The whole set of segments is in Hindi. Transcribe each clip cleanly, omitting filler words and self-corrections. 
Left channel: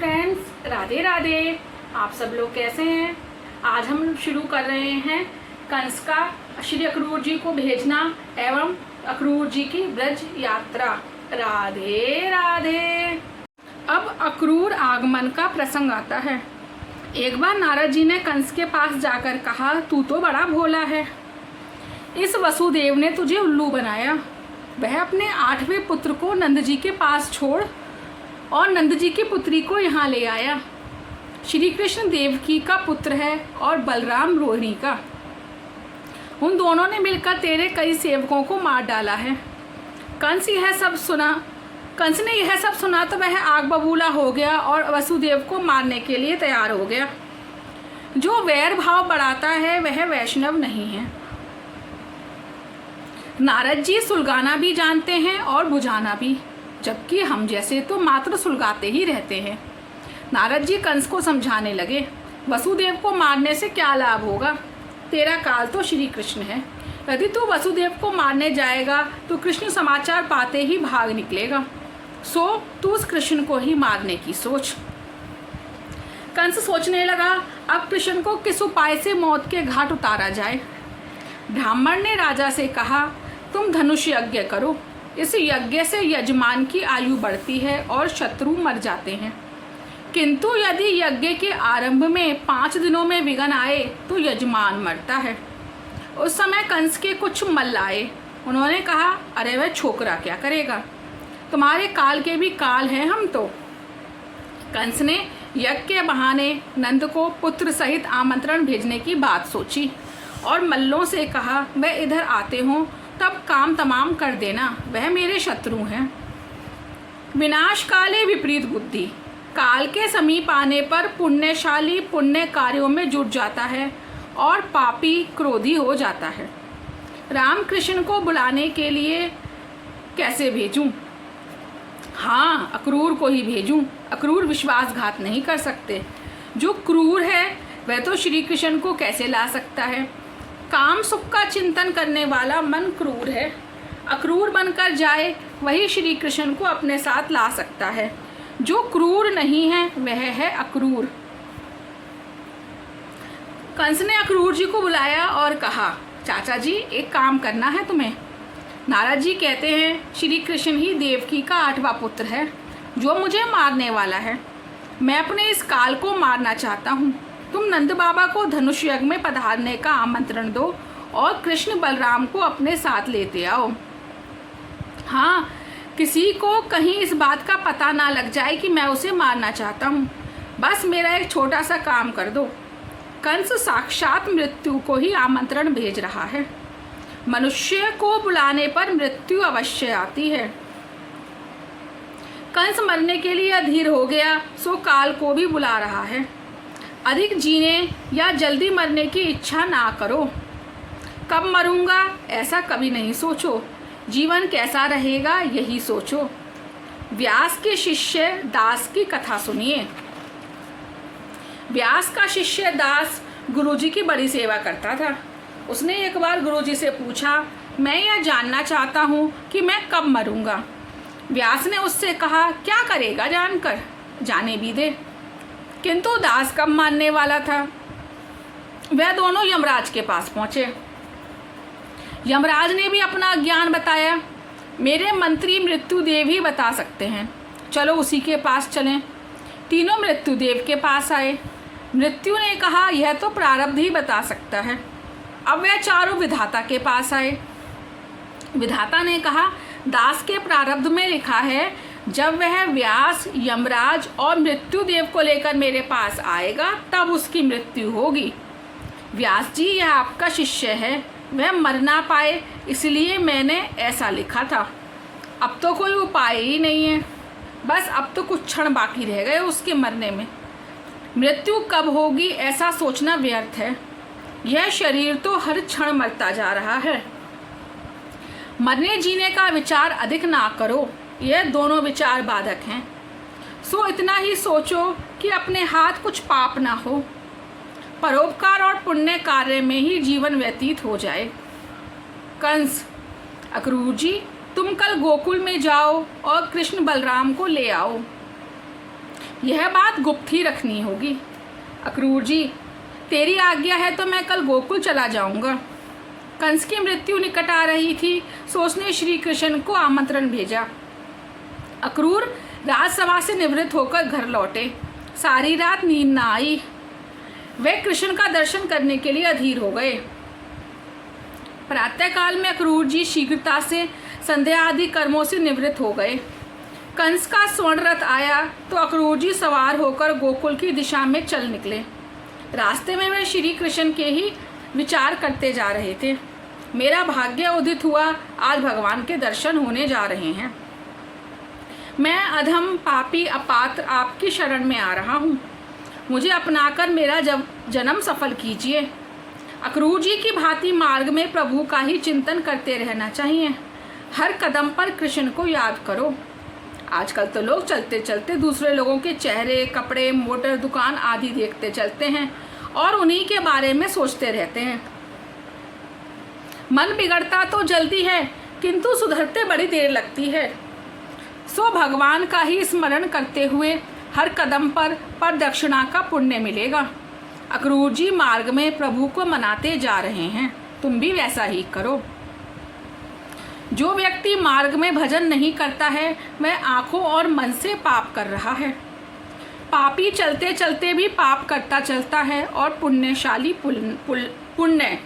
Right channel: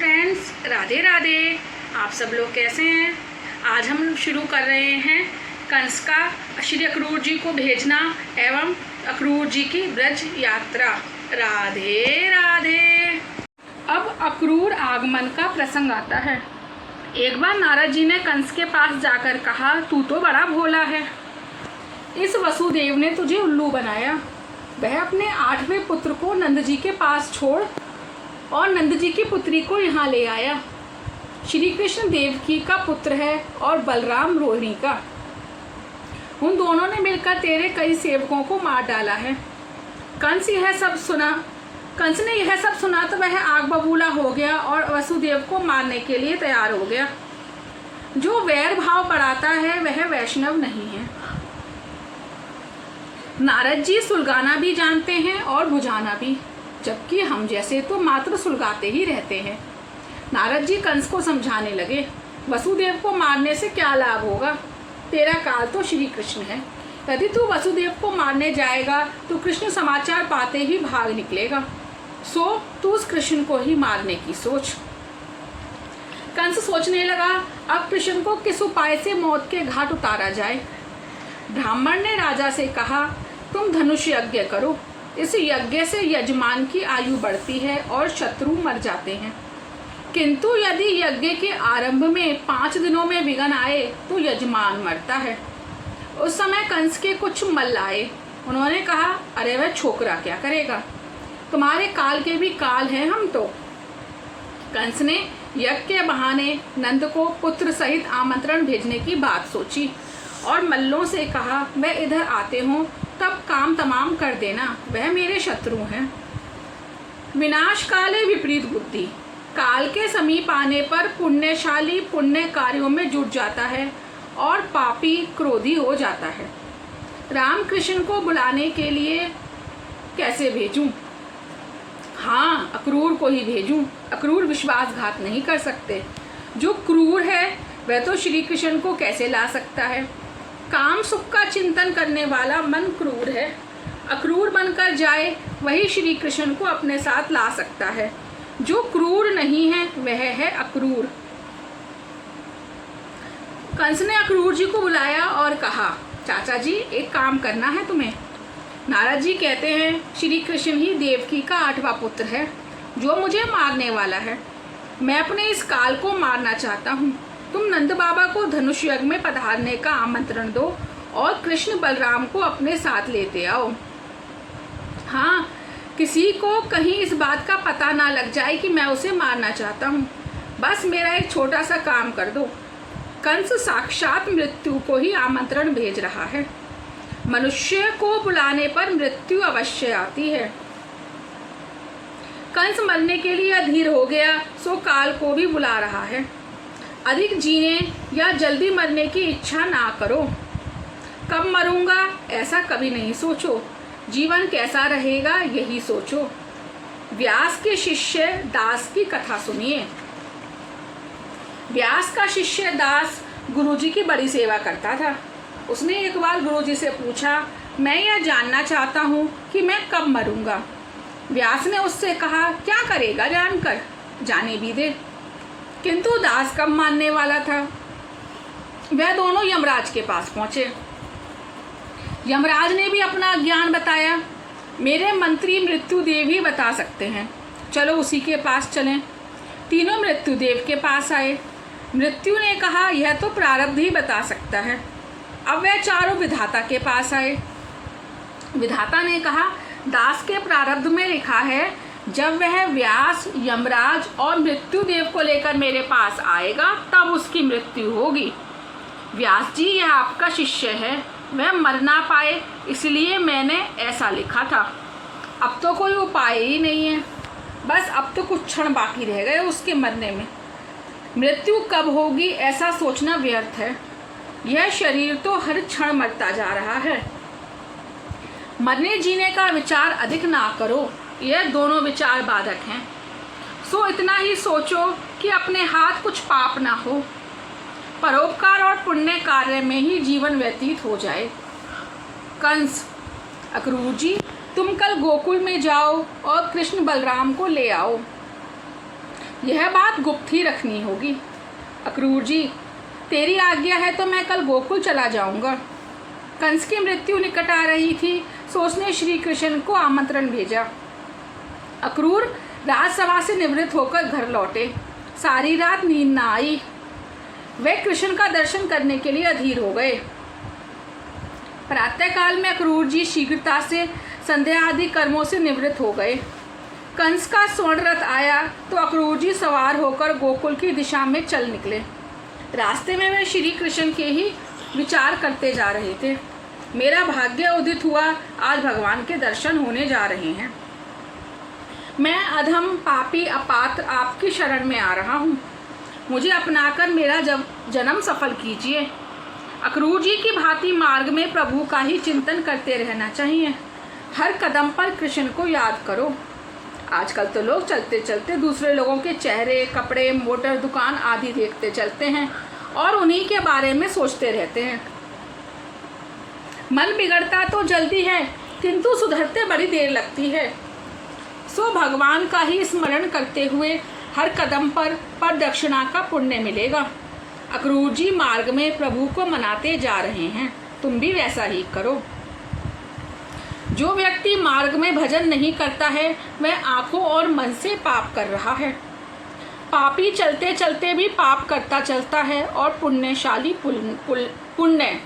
फ्रेंड्स, राधे राधे। आप सब लोग कैसे हैं? आज हम शुरू कर रहे हैं कंस का श्री अक्रूर जी को भेजना एवं अक्रूर जी की ब्रज यात्रा। राधे राधे। अब अक्रूर आगमन का प्रसंग आता है। एक बार नारद जी ने कंस के पास जाकर कहा, तू तो बड़ा भोला है। इस वसुदेव ने तुझे उल्लू बनाया। वह अपने 8वें पुत्र को नंद जी के पास छोड़ और नंद जी की पुत्री को यहाँ ले आया। श्री कृष्ण देवकी का पुत्र है और बलराम रोहिणी का। उन दोनों ने मिलकर तेरे कई सेवकों को मार डाला है। कंस ने यह सब सुना तो वह आग बबूला हो गया और वसुदेव को मारने के लिए तैयार हो गया। जो वैर भाव बढ़ाता है वह वैष्णव नहीं है। नारद जी सुलगाना भी जानते हैं और बुझाना भी, जबकि हम जैसे तो मात्र सुलगाते ही रहते हैं। नारद जी कंस को समझाने लगे, वसुदेव को मारने से क्या लाभ होगा? तेरा काल तो श्री कृष्ण है। यदि तू वसुदेव को मारने जाएगा तो कृष्ण समाचार पाते ही भाग निकलेगा। सो तू उस कृष्ण को ही मारने की सोच। कंस सोचने लगा, अब कृष्ण को किस उपाय से मौत के घाट उतारा जाए। ब्राह्मण ने राजा से कहा, तुम धनुष यज्ञ करो। इस यज्ञ से यजमान की आयु बढ़ती है और शत्रु मर जाते हैं। किंतु यदि यज्ञ के आरंभ में 5 दिनों में विघ्न आए तो यजमान मरता है। उस समय कंस के कुछ मल्ल आए। उन्होंने कहा, अरे वह छोकरा क्या करेगा? तुम्हारे काल के भी काल हैं हम तो। कंस ने यज्ञ के बहाने नंद को पुत्र सहित आमंत्रण भेजने की बात सोची और मल्लों से कहा, मैं इधर आते हूँ तब काम तमाम कर देना, वह मेरे शत्रु हैं। विनाश काले विपरीत बुद्धि। काल के समीप आने पर पुण्यशाली पुण्य कार्यों में जुट जाता है और पापी क्रोधी हो जाता है। राम कृष्ण को बुलाने के लिए कैसे भेजूं? हाँ, अक्रूर को ही भेजूं। अक्रूर विश्वासघात नहीं कर सकते। जो क्रूर है वह तो श्री कृष्ण को कैसे ला सकता है? काम सुख का चिंतन करने वाला मन क्रूर है। अक्रूर बनकर जाए वही श्री कृष्ण को अपने साथ ला सकता है। जो क्रूर नहीं है वह है अक्रूर। कंस ने अक्रूर जी को बुलाया और कहा, चाचा जी एक काम करना है तुम्हें। नारद जी कहते हैं श्री कृष्ण ही देवकी का 8वां पुत्र है जो मुझे मारने वाला है। मैं अपने इस काल को मारना चाहता हूँ। तुम नंद बाबा को धनुष यज्ञ में पधारने का आमंत्रण दो और कृष्ण बलराम को अपने साथ लेते आओ। हाँ, किसी को कहीं इस बात का पता ना लग जाए कि मैं उसे मारना चाहता हूँ। बस मेरा एक छोटा सा काम कर दो। कंस साक्षात मृत्यु को ही आमंत्रण भेज रहा है। मनुष्य को बुलाने पर मृत्यु अवश्य आती है। कंस मरने के लिए अधीर हो गया, सो काल को भी बुला रहा है। अधिक जीने या जल्दी मरने की इच्छा ना करो। कब मरूंगा ऐसा कभी नहीं सोचो। जीवन कैसा रहेगा यही सोचो। व्यास के शिष्य दास की कथा सुनिए। व्यास का शिष्य दास गुरुजी की बड़ी सेवा करता था। उसने एक बार गुरुजी से पूछा, मैं यह जानना चाहता हूँ कि मैं कब मरूंगा। व्यास ने उससे कहा, क्या करेगा जानकर, जाने भी दे। किंतु दास कब मानने वाला था। वह दोनों यमराज के पास पहुंचे। यमराज ने भी अपना ज्ञान बताया। मेरे मंत्री मृत्युदेव ही बता सकते हैं, चलो उसी के पास चलें। तीनों मृत्युदेव के पास आए। मृत्यु ने कहा, यह तो प्रारब्ध ही बता सकता है। अब वह चारों विधाता के पास आए। विधाता ने कहा, दास के प्रारब्ध में लिखा है, जब वह व्यास, यमराज और मृत्युदेव को लेकर मेरे पास आएगा तब उसकी मृत्यु होगी। व्यास जी, यह आपका शिष्य है, वह मर ना पाए इसलिए मैंने ऐसा लिखा था। अब तो कोई उपाय ही नहीं है। बस अब तो कुछ क्षण बाकी रह गए उसके मरने में। मृत्यु कब होगी ऐसा सोचना व्यर्थ है। यह शरीर तो हर क्षण मरता जा रहा है। मरने जीने का विचार अधिक ना करो, यह दोनों विचार बाधक हैं। सो इतना ही सोचो कि अपने हाथ कुछ पाप ना हो। परोपकार और पुण्य कार्य में ही जीवन व्यतीत हो जाए। कंस, अक्रूर जी तुम कल गोकुल में जाओ और कृष्ण बलराम को ले आओ। यह बात गुप्त ही रखनी होगी। अक्रूर जी, तेरी आज्ञा है तो मैं कल गोकुल चला जाऊंगा। कंस की मृत्यु निकट आ रही थी, सो उसने श्री कृष्ण को आमंत्रण भेजा। अक्रूर राजसभा से निवृत्त होकर घर लौटे। सारी रात नींद न आई। वे कृष्ण का दर्शन करने के लिए अधीर हो गए। प्रातःकाल में अक्रूर जी शीघ्रता से संध्या आदि कर्मों से निवृत्त हो गए। कंस का स्वर्ण रथ आया तो अक्रूर जी सवार होकर गोकुल की दिशा में चल निकले। रास्ते में वे श्री कृष्ण के ही विचार करते जा रहे थे। मेरा भाग्य उदित हुआ, आज भगवान के दर्शन होने जा रहे हैं। मैं अधम पापी अपात्र आपकी शरण में आ रहा हूँ। मुझे अपनाकर मेरा जन्म सफल कीजिए। अक्रूर जी की भांति मार्ग में प्रभु का ही चिंतन करते रहना चाहिए। हर कदम पर कृष्ण को याद करो। आजकल तो लोग चलते चलते दूसरे लोगों के चेहरे, कपड़े, मोटर, दुकान आदि देखते चलते हैं और उन्हीं के बारे में सोचते रहते हैं। मन बिगड़ता तो जल्दी है, किंतु सुधरते बड़ी देर लगती है। सो भगवान का ही स्मरण करते हुए हर कदम पर दक्षिणा का पुण्य मिलेगा। अक्रूर जी मार्ग में प्रभु को मनाते जा रहे हैं, तुम भी वैसा ही करो। जो व्यक्ति मार्ग में भजन नहीं करता है वह आंखों और मन से पाप कर रहा है। पापी चलते चलते भी पाप करता चलता है और पुण्यशाली पुण्य।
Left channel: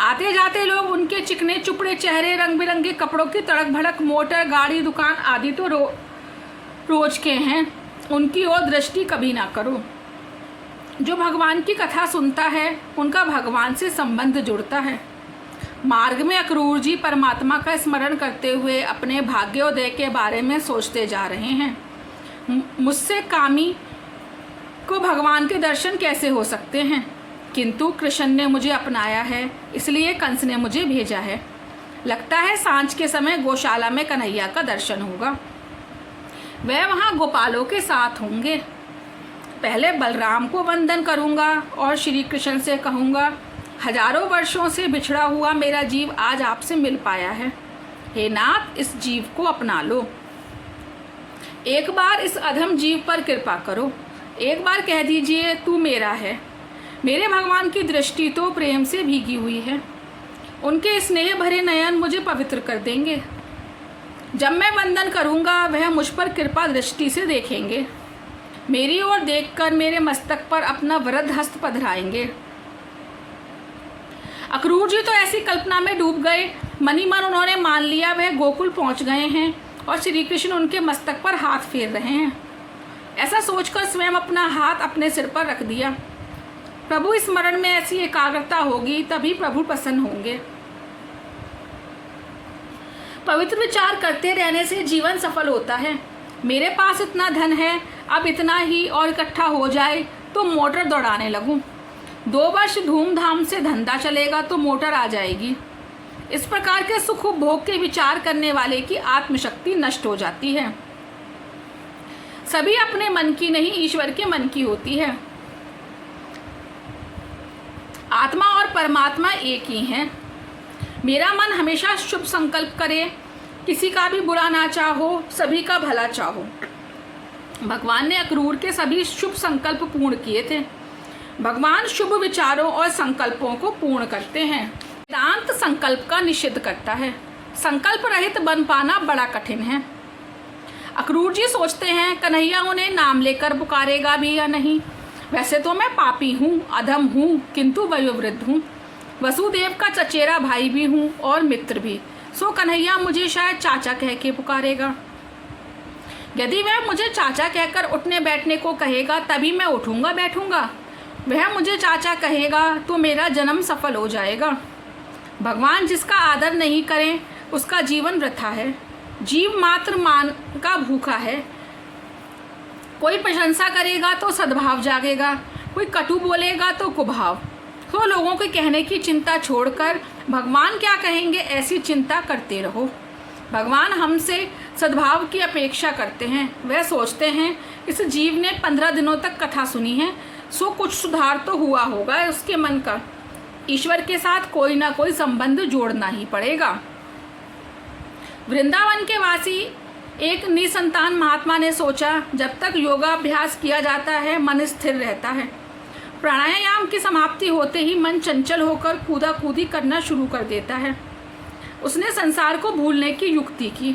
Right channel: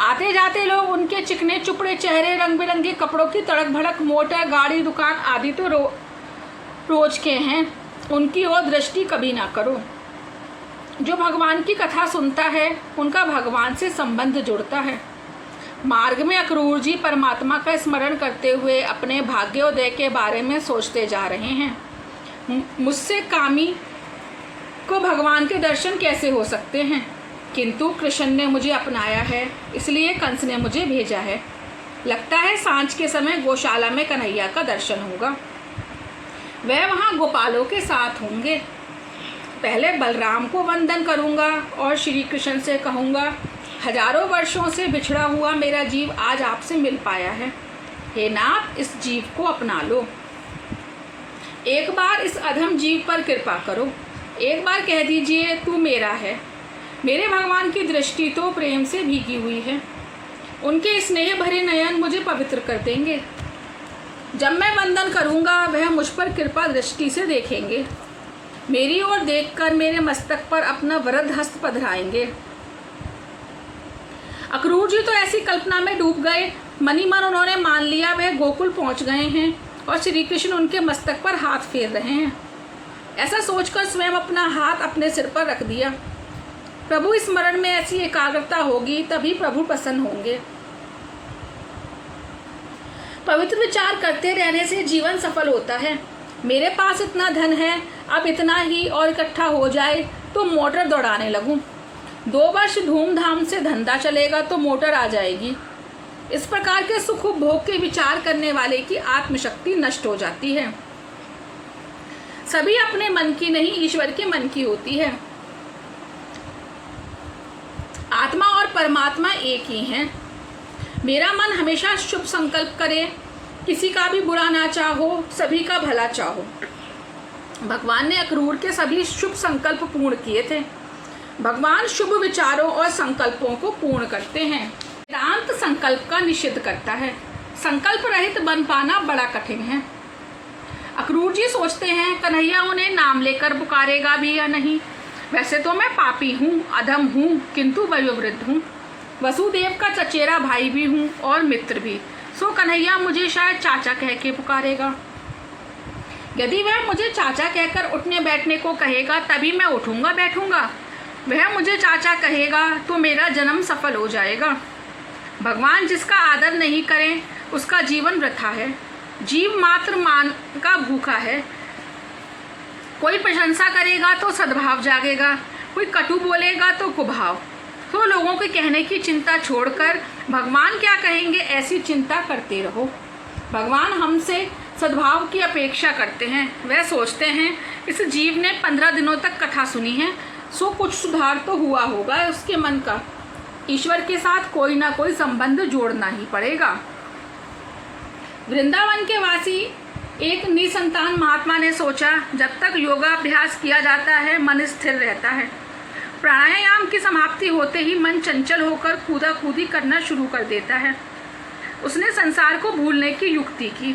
आते जाते लोग उनके चिकने चुपड़े चेहरे, रंग बिरंगे कपड़ों की तड़क भड़क, मोटर, गाड़ी, दुकान आदि तो रोज के हैं, उनकी ओर दृष्टि कभी ना करो। जो भगवान की कथा सुनता है उनका भगवान से संबंध जुड़ता है। मार्ग में अक्रूर जी परमात्मा का स्मरण करते हुए अपने भाग्योदय के बारे में सोचते जा रहे हैं। मुझसे कामी को भगवान के दर्शन कैसे हो सकते हैं, किंतु कृष्ण ने मुझे अपनाया है, इसलिए कंस ने मुझे भेजा है। लगता है सांझ के समय गौशाला में कन्हैया का दर्शन होगा। वह वहाँ गोपालों के साथ होंगे। पहले बलराम को वंदन करूँगा और श्री कृष्ण से कहूँगा, हजारों वर्षों से बिछड़ा हुआ मेरा जीव आज आपसे मिल पाया है। हे नाथ, इस जीव को अपना लो। एक बार इस अधम जीव पर कृपा करो। एक बार कह दीजिए तू मेरा है। मेरे भगवान की दृष्टि तो प्रेम से भीगी हुई है। उनके स्नेह भरे नयन मुझे पवित्र कर देंगे। जब मैं वंदन करूंगा वह मुझ पर कृपा दृष्टि से देखेंगे। मेरी ओर देखकर मेरे मस्तक पर अपना वरद हस्त पधराएंगे। अक्रूर जी तो ऐसी कल्पना में डूब गए, मन ही मन उन्होंने मान लिया वह गोकुल पहुंच गए हैं और श्री कृष्ण उनके मस्तक पर हाथ फेर रहे हैं। ऐसा सोचकर स्वयं अपना हाथ अपने सिर पर रख दिया। प्रभु स्मरण में ऐसी एकाग्रता होगी तभी प्रभु प्रसन्न होंगे। पवित्र विचार करते रहने से जीवन सफल होता है। मेरे पास इतना धन है, अब इतना ही और इकट्ठा हो जाए तो मोटर दौड़ाने लगूं। 2 वर्ष धूमधाम से धंधा चलेगा तो मोटर आ जाएगी। इस प्रकार के सुख भोग के विचार करने वाले की आत्मशक्ति नष्ट हो जाती है। सभी अपने मन की नहीं, ईश्वर के मन की होती है। आत्मा और परमात्मा एक ही हैं। मेरा मन हमेशा शुभ संकल्प करे, किसी का भी बुरा ना चाहो, सभी का भला चाहो। भगवान ने अक्रूर के सभी शुभ संकल्प पूर्ण किए थे। भगवान शुभ विचारों और संकल्पों को पूर्ण करते हैं। वेदांत संकल्प का निषेध करता है। संकल्प रहित बन पाना बड़ा कठिन है। अक्रूर जी सोचते हैं कन्हैया उन्हें नाम लेकर पुकारेगा भी या नहीं। वैसे तो मैं पापी हूँ, अधम हूँ, किंतु वयोवृद्ध हूँ, वसुदेव का चचेरा भाई भी हूँ और मित्र भी। सो कन्हैया मुझे शायद चाचा कह के पुकारेगा। यदि वह मुझे चाचा कहकर उठने बैठने को कहेगा तभी मैं उठूंगा बैठूंगा। वह मुझे चाचा कहेगा तो मेरा जन्म सफल हो जाएगा। भगवान जिसका आदर नहीं करे उसका जीवन वृथा है। जीव मात्र मान का भूखा है। कोई प्रशंसा करेगा तो सद्भाव जागेगा, कोई कटु बोलेगा तो कुभाव। तो लोगों के कहने की चिंता छोड़कर भगवान क्या कहेंगे ऐसी चिंता करते रहो। भगवान हमसे सद्भाव की अपेक्षा करते हैं। वह सोचते हैं इस जीव ने 15 दिनों तक कथा सुनी है, सो कुछ सुधार तो हुआ होगा उसके मन का। ईश्वर के साथ कोई ना कोई संबंध जोड़ना ही पड़ेगा। वृंदावन के वासी एक निसंतान महात्मा ने सोचा, जब तक योगाभ्यास किया जाता है मन स्थिर रहता है। प्राणायाम की समाप्ति होते ही मन चंचल होकर कूदा कूदी करना शुरू कर देता है। उसने संसार को भूलने की युक्ति की।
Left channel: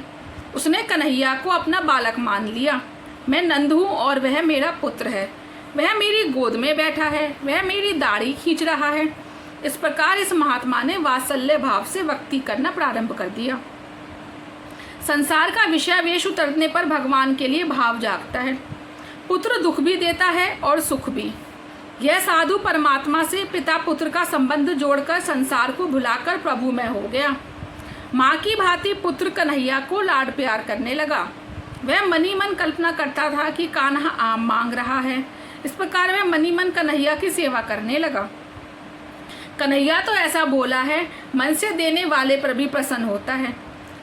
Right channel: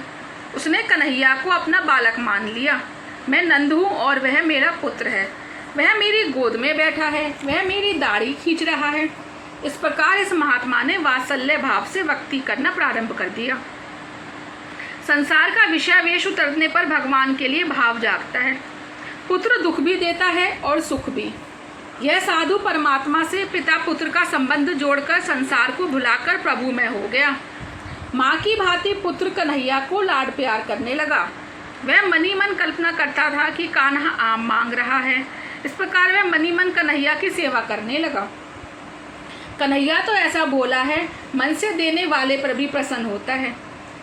उसने कन्हैया को अपना बालक मान लिया। मैं नंद हूँ और वह मेरा पुत्र है। वह मेरी गोद में बैठा है, वह मेरी दाढ़ी खींच रहा है। इस प्रकार इस महात्मा ने वात्सल्य भाव से भक्ति करना प्रारंभ कर दिया। संसार का विषयावेश उतरने पर भगवान के लिए भाव जागता है। पुत्र दुख भी देता है और सुख भी। यह साधु परमात्मा से पिता पुत्र का संबंध जोड़कर संसार को भुलाकर प्रभु में हो गया। माँ की भांति पुत्र कन्हैया को लाड प्यार करने लगा। वह मनी मन कल्पना करता था कि कान्हा आम मांग रहा है। इस प्रकार वह मनी मन कन्हैया की सेवा करने लगा। कन्हैया तो ऐसा बोला है, मन से देने वाले पर भी प्रसन्न होता है।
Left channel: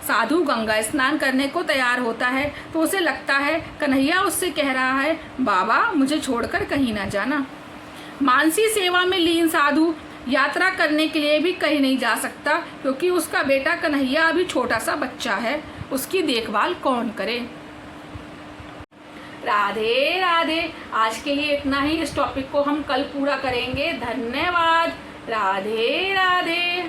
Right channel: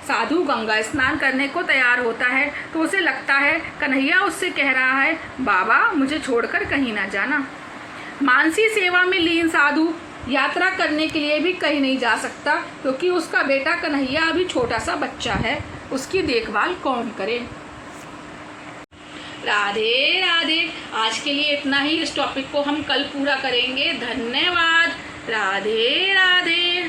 साधु गंगा स्नान करने को तैयार होता है तो उसे लगता है कन्हैया उससे कह रहा है, बाबा मुझे छोड़कर कहीं ना जाना। मानसी सेवा में लीन साधु यात्रा करने के लिए भी कहीं नहीं जा सकता, क्योंकि उसका बेटा कन्हैया अभी छोटा सा बच्चा है। उसकी देखभाल कौन करे। राधे राधे। आज के लिए इतना ही। इस टॉपिक को हम कल पूरा करेंगे। धन्यवाद। राधे राधे।